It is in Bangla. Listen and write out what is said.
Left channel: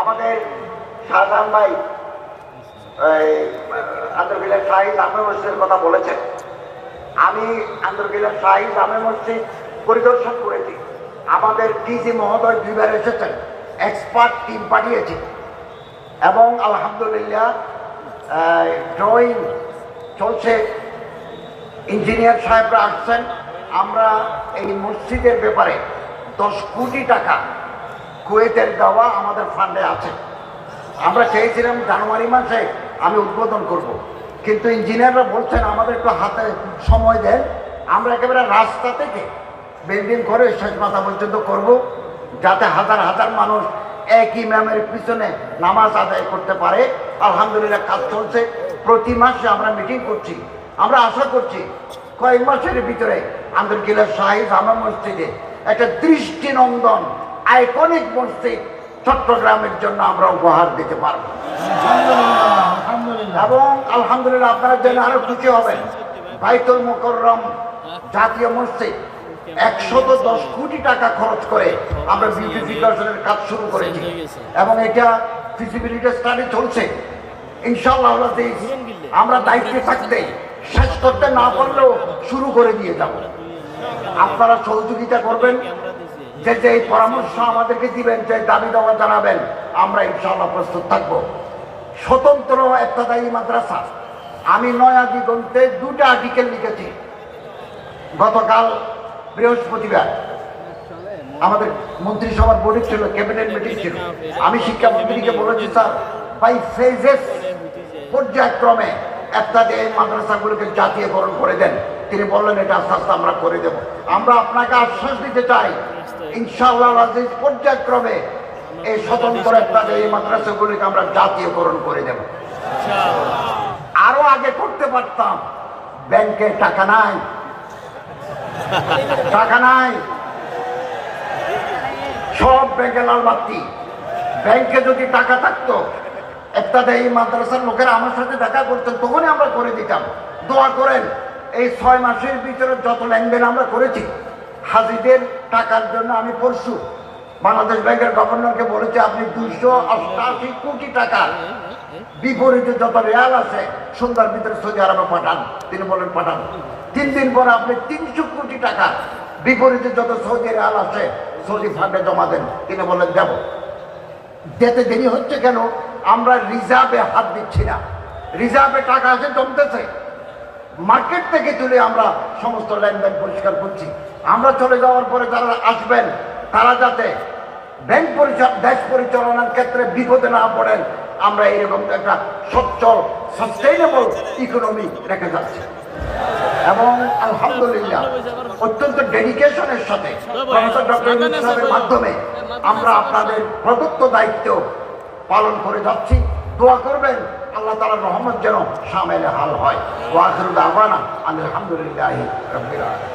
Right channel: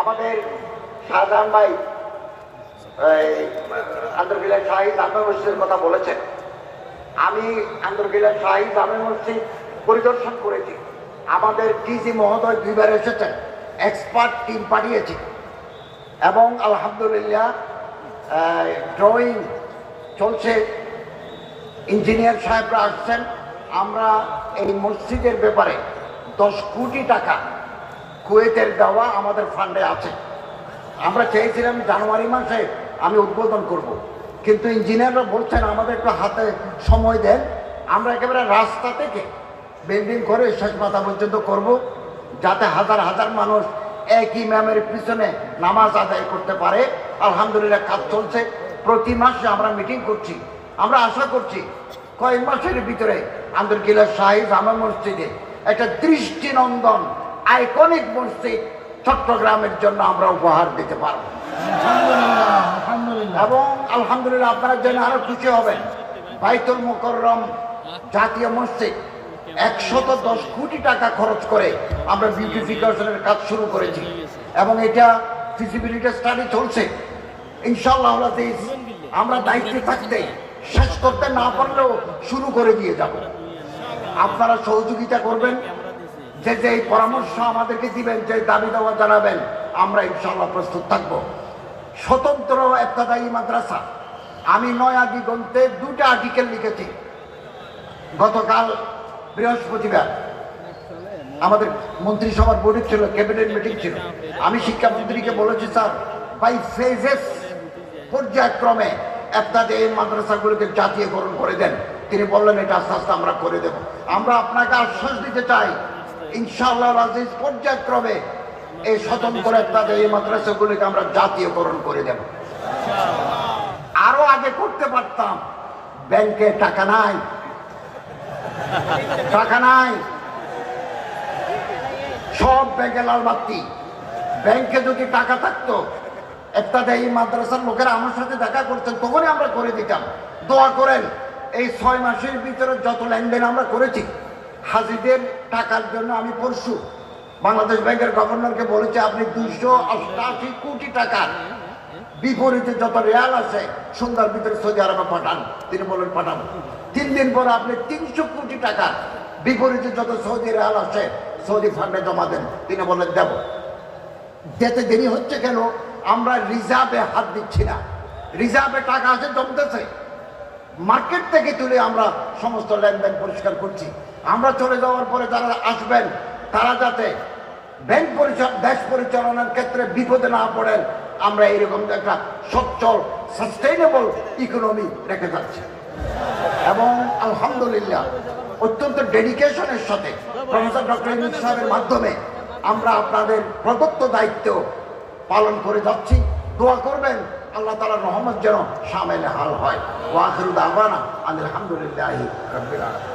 আমাদের শাহজাহান ভাই আন্দরকিল্লার শাহী জামে মসজিদের কথা বলেছেন। আমি আন্দরকিল্লার শাহী জামে মসজিদ পরিদর্শন করেছি। আমাদের ডিজি মহোদয় দুইবার এসেছেন, এক্সপার্ট টিম পাঠিয়েছি এবং আলহামদুলিল্লাহ ড্রয়িং চলছে, ইঞ্জিনিয়ার সাহেবরা আসছেন। আমরা এই মসজিদের ব্যাপারে 10 কোটি টাকা কুয়েতের দেওয়া আমাদের ফান্ডে আছে। আমরা চেয়েছিলাম জানুয়ারি মাসে আমি উদ্বোধন করব, কিন্তু ইঞ্জিনিয়াররা বলছেন আমাদের একটু হাতে সময় দেন, আমরা একেবারে রাস্তা থেকে বিল্ডিং করে শেষ মাথা পর্যন্ত করব, যাতে হাজার হাজার মানুষ এক ইমামের পিছনে নামাজ আদায় করতে পারে। আলহামদুলিল্লাহ কাজ চলছে, প্রতি মাসে আমরা মিটিং করছি। আমরা আশা করছি কয়েক মাসের ভিতরে আন্দরকিল্লার শাহী জামে মসজিদে একটা দৃষ্টিনন্দন আইকনিক মসজিদ চট্টগ্রামের জন্য আমরা উপহার দিতে পারবো এবং আলহামদুলিল্লাহ আপনারা জেনে আরো খুশি হবেন, বাইতুল মুকাররম জাতীয় মসজিদ 110 কোটি টাকা খরচ করে আমরা বিউটিফিকেশনের কাজ শুরু করেছি এবং এটা ফিজিবিলিটি স্টাডি চলছে। ইনশাআল্লাহ আমরা দায়িত্বে থাকতে শেষ করতে না পারলেও শুরু করে দিয়ে যাব। আপনারা সহযোগিতা করবেন, যে যে পরামর্শ আমাদেরকে দিবেন, যে দাবি দাওয়া জানাবেন, আমরা ইনশাআল্লাহ প্রস্তুত থাকবো। স্বতন্ত্র ইবতেদায়ী মাদ্রাসা, আমি নয়া দিগন্তে 2টা আর্টিকেল লিখেছি। গতকাল বৃহস্পতিবার আমাদের মন্ত্রিসভার বোর্ডিং ছিল, ক্যাবিনেট মিটিং ছিল। আমি শিক্ষামন্ত্রীকে বলেছি, স্যার বাই ফেজেস, পর্যায়ক্রমে ইবতেদায়ী মাদ্রাসাগুলোকে জাতীয়করণ করে দেন। তিনি বললেন এটা আস্তে আস্তে আমরা করে দেব। আমরা আপনাকে আশ্বাস দিতে চাই, ইনশাআল্লাহ আজিজ পর্যায়ক্রমে এই স্বতন্ত্র ইবতেদায়ী মাদ্রাসাগুলিকে আমরা জাতীয়করণ করে দেব। আরো আগে করতে পারতাম, ব্যাংকে টাকা নাই, টাকা নাই, সব ব্যাংকে লাল বাতি। ব্যাংকে যদি টাকা থাকতো, ইবতেদায়ী মাদ্রাসার লোকেরা আমার সাথে দেখা করতেন, তখনই আমরা করে দিতাম। দোয়া করেন, এই 6 মাসের ভিতরে যত লেনদেন আমরা করেছি হাজিদের টাকার জন্য, আমি পরশু বাংলাদেশ ব্যাংকের গভর্নরকে বলেছি আপনি 288 কোটি টাকা বিপরীতে যত রিয়াল আছে সন্ধ্যার ভিতরে সৌদি আরবে পাঠান। তিনি বলেন পাঠান। 3 দিন পরে আপনি 300 কোটি টাকা বিপরীতে যত সৌদি রিয়াল আছে সৌদি ফান্ডে জমা দেন। তিনি বলেন দেব। যেতে দেরি হচ্ছে কেন? আমরা রিজার্ভে হাত দিচ্ছি না, রিজার্ভে টাকা আছে জমতেছে, মার্কেট থেকে তুলে আমরা সমস্ত লেনদেন পরিষ্কার করছি। আমরা চলে যাওয়ার পরে যারা আসবেন তারা যাতে ব্যাংক দেশ পরিচালনার ক্ষেত্রে বিপদে না পড়েন, আমরা এরকম একটা সচ্ছল সাস্টেইনেবল ইকোনমি রেখে যাচ্ছি। এবং আলহামদুলিল্লাহ অত্যন্ত ডেডিকেশনের সাথে প্রফেসর ডক্টর ইউনূস সাহেবের মাধ্যমে আমরা আপনাদের প্রদত্ত দায়িত্ব পালন করে যাচ্ছি। দোয়া করবেন আল্লাহ তাআলার রহমত যেন শামিল হাল হয়। ওয়া আখিরু দাওয়ানা আলহামদুলিল্লাহি রাব্বিল আলামিন।